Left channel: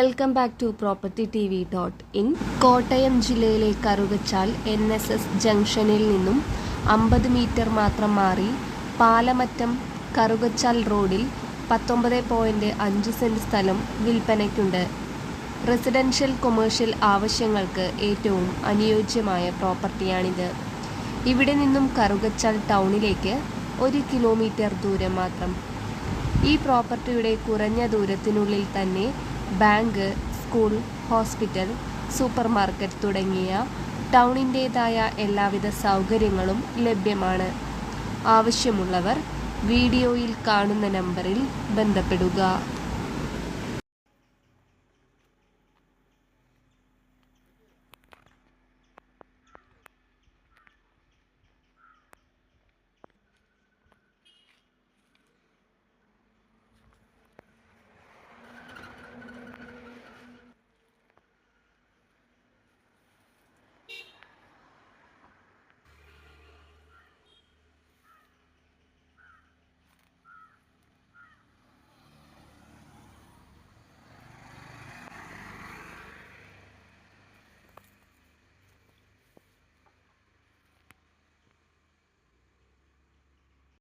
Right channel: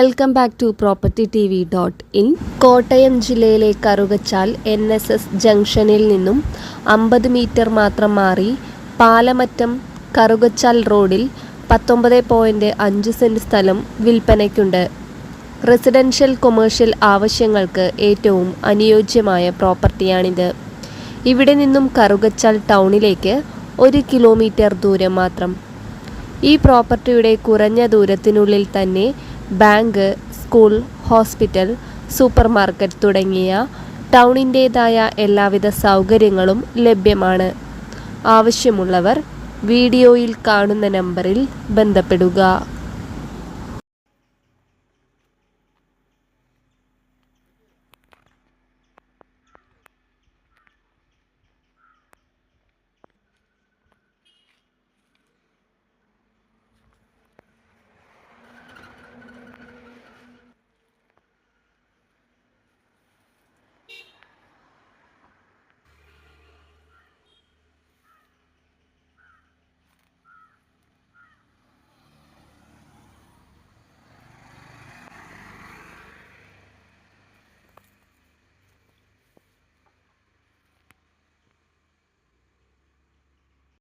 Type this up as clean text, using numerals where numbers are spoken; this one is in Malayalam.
Welcome back to propertytv.in. Kottayam ജില്ലയിലെ കറുകച്ചാൽ NSS ജംഗ്ഷനിൽ നിന്നും 50 മീറ്റർ മാത്രം മാറി പാലമറ്റം കറുകച്ചാൽ റോഡിൽ 19.5 സെന്റ് സ്ഥലം വിൽപ്പനയ്ക്കുണ്ട്. റെസിഡൻഷ്യൽ കൊമേഴ്ഷ്യൽ ആവശ്യങ്ങൾക്ക് ഏറ്റവും അനുയോജ്യമായ പ്രോപ്പർട്ടിയാണിത്. ഇവിടെ നിന്നും കറുകച്ചാൽ ടൗണിലേക്ക് 1 കിലോമീറ്റർ ദൂരം മാത്രം. ഈ പ്രോപ്പർട്ടിയുടെ കുറഞ്ഞ ദൂരത്തിനുള്ളിൽ തന്നെ bank, school, hospital, super market തുടങ്ങിയ ടൗണിൻ്റേതായ എല്ലാവിധ സൗകര്യങ്ങളും ലഭ്യമാണ്. ആവശ്യമുള്ളവർ വീഡിയോയിൽ കാണുന്ന നമ്പറിൽ ബന്ധപ്പെടുക.